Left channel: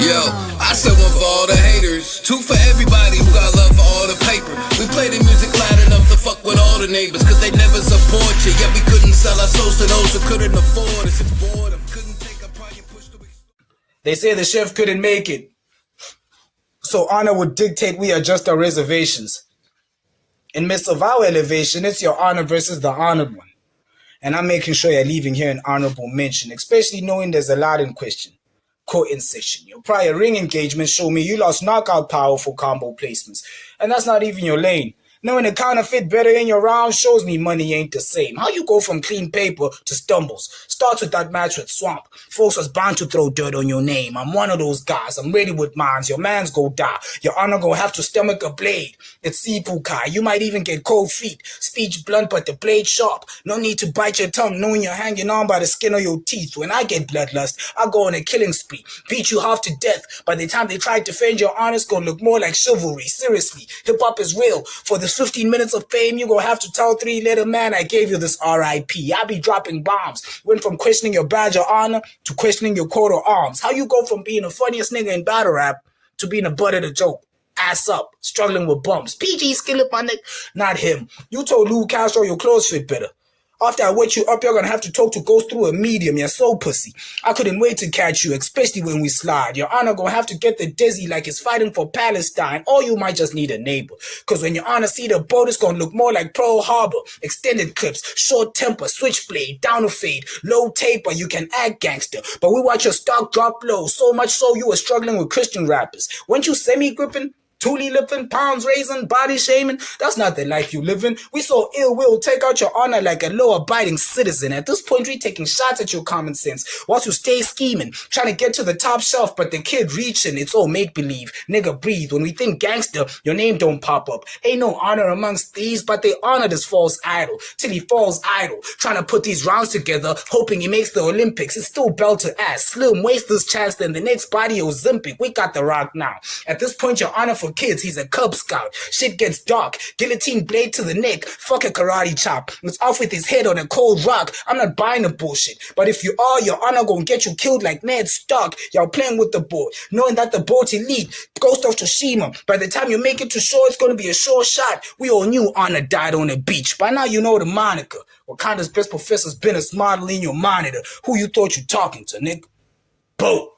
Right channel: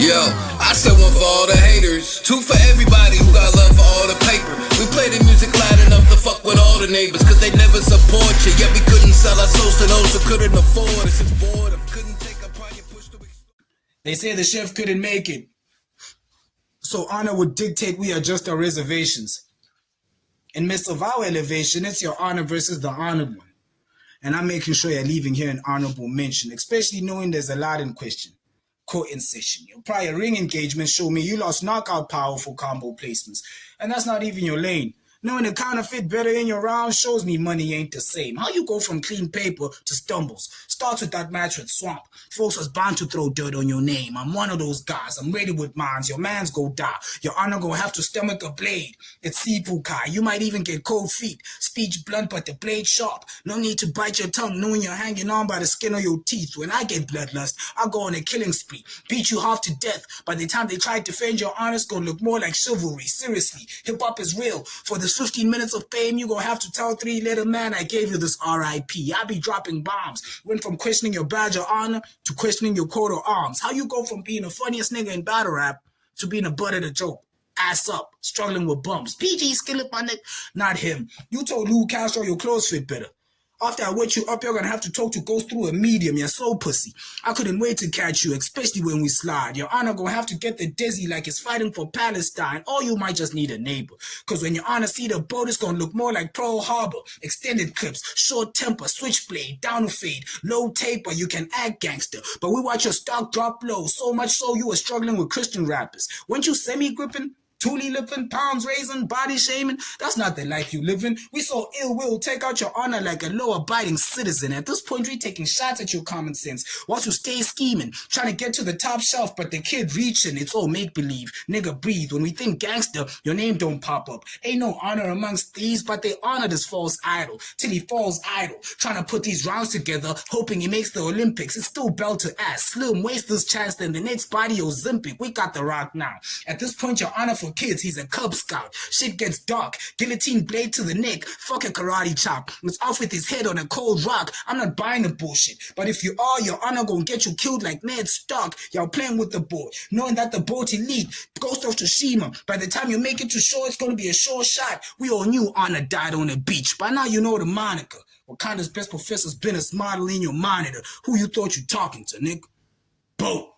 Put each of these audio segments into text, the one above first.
Yo, I said one for all the haters, two for everybody who got love for all the paper. We play the music loud enough to fuck with all the neighbors, cause they never support you. Yet we couldn't sell our souls to those who couldn't afford us. It's boredom, couldn't take a part you pushed to. They say the chef couldn't make it, so honor would dictate we adjust our reservations. In midst of our elevation, it's your honor versus the honored one. And I'm making sure you're leaving here an honorable mention, especially knowing there's a lot in question. Court incision. Your prior ring engagements show me you lost knockout power for combo placements. And that's not even your lane. Knowing a counterfeit better in your round shows me money ain't the same. How you go from clean paper to stumbles? Starts with that match with Swamp. Folks was bound to throw dirt on your name. I'm one of those guys. I'm ready with mines. Your mans go die. Your honor go have to stomach a blade. It's Sipukai. You might even get cold feet. Speech blunt but the blade sharp. No need to bite your tongue knowing you're hanging on by the skin of your teeth. When I get bloodlust, I go on a killing spree. Beat you half to death. By the time they try to defend your honor, it's gonna look more like chivalry. Seriously, hip-hop is real. For the 15 minutes of fame, you gonna have to tell three-letter man I gave you this R.I.P. I be dropping bombs. Went from questioning your badge of honor to questioning your coat of arms. How you go from being the funniest nigga in battle rap to being a butt of the joke? Ass up, struggling with bumps. PG skillet my neck, not him. You told Lou Castro your clothes fit better. After I wet you up, you're gonna have to talk to ghost through a medium. You're so pussy. I couldn't wait to catch you, especially when we slide. Your honor gonna have to get the dizzy like it's fighting for Palestine, or you might just need a neighbor. Cause when your honor see the boat, it's gonna look more like Pearl Harbor. Extended clips, short temper, switchblade, down a fade, low taper, you can act gangster. But we watch your stock drop low, so much so you were struggling with Christian rappers. Weren't you semi-gripping? Toolie lipping, pounds raising, body shaming. That's not the life you living. We saw ill will take out your honor like a law-abiding citizen. At this point, we taking shots at your common sense. Whilst you stay scheming, trying to get to the top shelf, but the kid reaching, it's all make-believe. Nigga, breathe. When we think gangster, your name don't pop up. Ain't no honor amongst thieves, but they honor this false idol. Till he falls idle. Trying to put these rounds together, hoping he makes the Olympics. It's still belt to ass. Slim wastes this chance, then the next body Ozempic. We got the rock now. At this point, your honor for kids, he's a Cub Scout. Shit gets dark. Guillotine blade to the neck. Fuck a karate chop. It's off with his head on a cold rock. I'm not buying the bullshit. But if you are, your honor gonna get you killed like Ned Stark. Y'all playing with the boat, knowing that the boat elite, Ghost of Tsushima. By the time you make it to shore, it's gonna be a sure shot. We all knew honor died on a beach. By now you know the moniker. Wakanda's best professor's been a model in your monitor. Who you thought you talking to, nigga? Boat.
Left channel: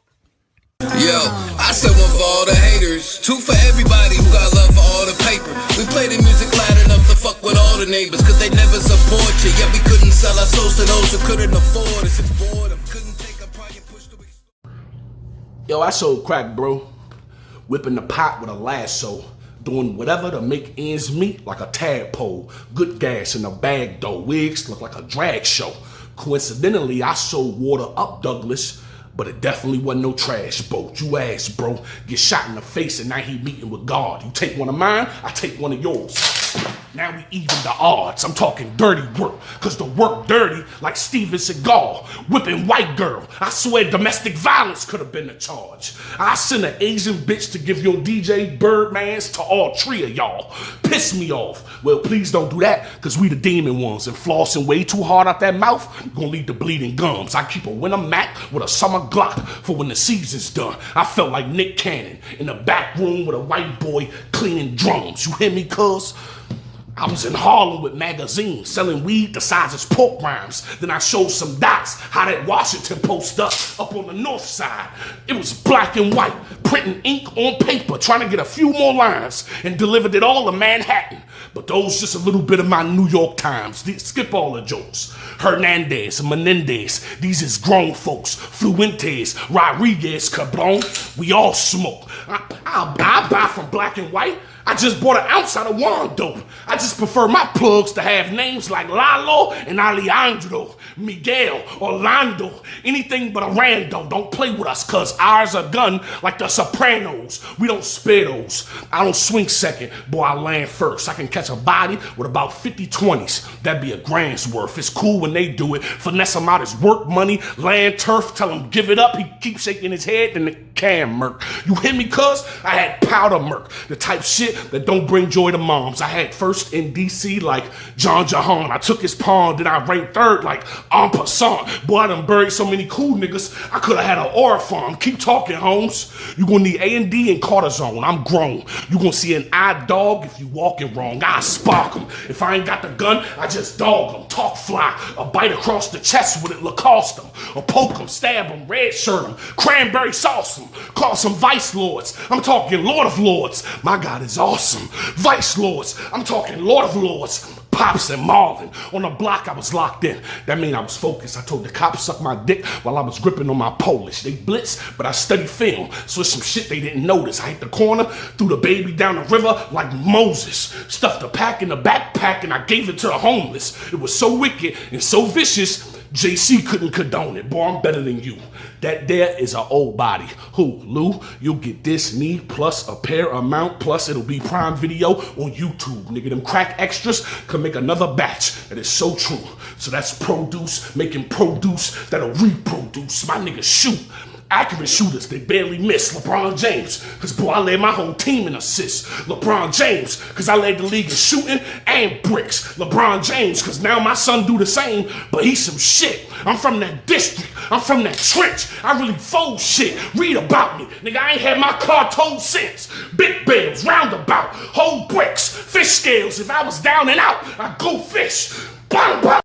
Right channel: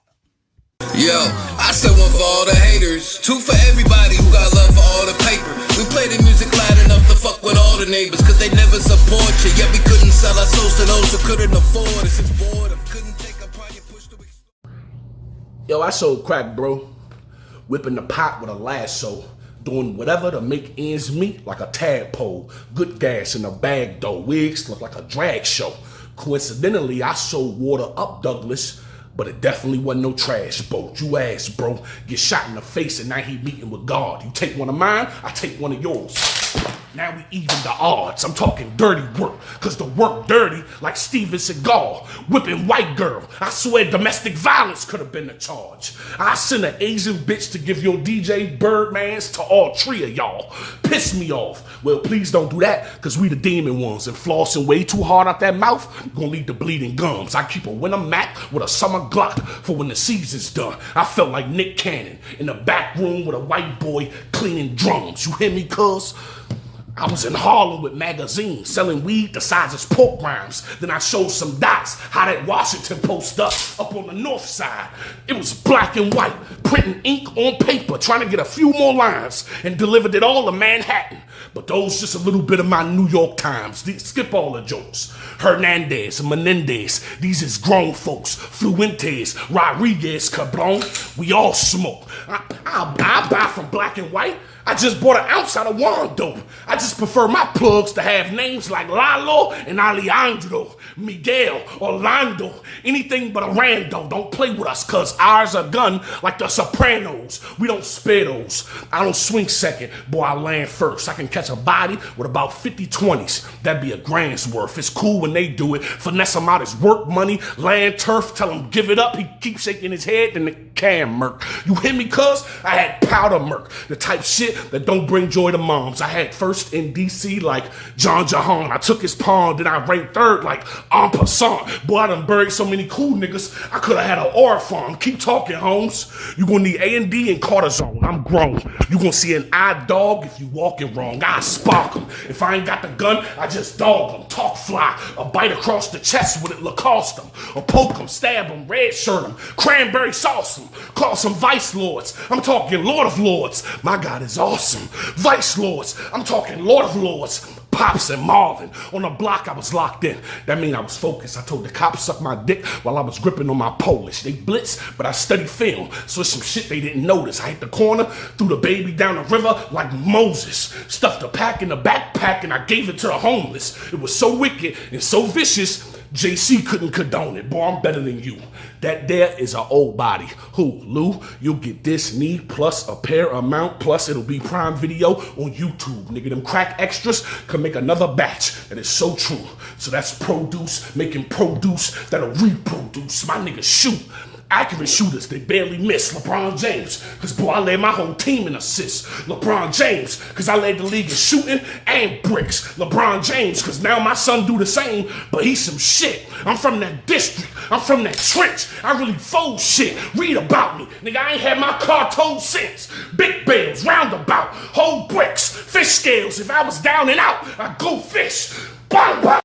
Yo, I said one for all the haters, two for everybody who got love for all the paper. We play the music loud enough to fuck with all the neighbors, cause they never support you. Yet we couldn't sell our souls to those who couldn't afford us. It's boredom, couldn't take a part you pushed to. Yo, I sold crack, bro. Whipping the pot with a lasso. Doing whatever to make ends meet like a tadpole. Good gas in a bag though. Wigs look like a drag show. Coincidentally, I sold water up Douglas. But it definitely wasn't no trash boat. You ass, bro. Get shot in the face and now he meeting with God. You take one of mine, I take one of yours. Now we even the odds. I'm talking dirty work, cause the work dirty like Steven Seagal. Whipping white girl. I swear domestic violence could have been the charge. I send an Asian bitch to give your DJ Birdmans to all three of y'all. Piss me off. Well, please don't do that, cause we the demon ones, and flossing way too hard out that mouth gonna lead to bleeding gums. I keep a winter Mac with a summer Glock for when the season's done. I felt like Nick Cannon in the back room with a white boy cleaning drums. You hear me, cuz? I was in Harlem with magazines, selling weed the size of pork rinds. Then I showed some dots how that Washington Post up on the north side. It was black and white, printing ink on paper, trying to get a few more lines, and delivered it all to Manhattan. But those just a little bit of my New York Times. Skip all the jokes. Hernandez, Menendez, these is grown folks. Fluentes, Rodriguez, Cabron, we all smoke. I buy from black and white. I just bought an ounce out of wine dope. I just prefer my plugs to have names like Lalo and Alejandro, Miguel, Orlando, anything but a rando. Don't play with us, cuz ours are gun like the Sopranos. We don't spare those. I don't swing second, boy, I land first. I can catch a body with about 50 20s. That'd be a grand's worth. It's cool when they do it. Finesse him out his work money, land turf, tell him give it up. He keeps shaking his head, then the cam murk. You hear me, cuz? I had powder murk, the type shit that don't bring joy to moms. I had first in DC like John Jahan. I took his pawn, then I ranked third like en passant. Boy, I done buried so many cool niggas, I could have had an aura farm. Keep talking, Holmes. You gonna need A&D and cortisone. I'm grown. You gonna see an eye dog if you walking wrong. I spark him. If I ain't got the gun, I just dog him. Talk fly. A bite across the chest with it Lacoste him. Or poke him, stab him, red shirt him, cranberry sauce him. Call some vice lords. I'm talking Lord of Lords. My God is awesome. Vice lords. I'm talking Lord of Lords. Pops and Marlin. On the block, I was locked in. That mean I was focused. I told the cops suck my dick while I was gripping on my Polish. They blitzed, but I studied film, so it's some shit they didn't notice. I hit the corner, threw the baby down the river like Moses. Stuffed the pack in the backpack, and I gave it to the homeless. It was so wicked and so vicious, JC couldn't condone it. Boy, I'm better than you. That there is an old body. Who, Lou? You'll get this knee plus a pair amount, plus it'll be Prime Video on YouTube. Nigga, them crack extras can make another batch. That is so true. So that's produce, making produce that'll reproduce. My niggas shoot. Accurate shooters, they barely miss. LeBron James, cause boy, I led my whole team in assists. LeBron James, cause I led the league in shooting and bricks. LeBron James, cause now my son do the same, but he's some shit. I'm from that district, I'm from that trench. I really fold shit. Read about me. Nigga, I ain't had my car towed since. Big bales, roundabout, whole bricks, fish scales. If I was down and out, I'd go fish. Bang, bang.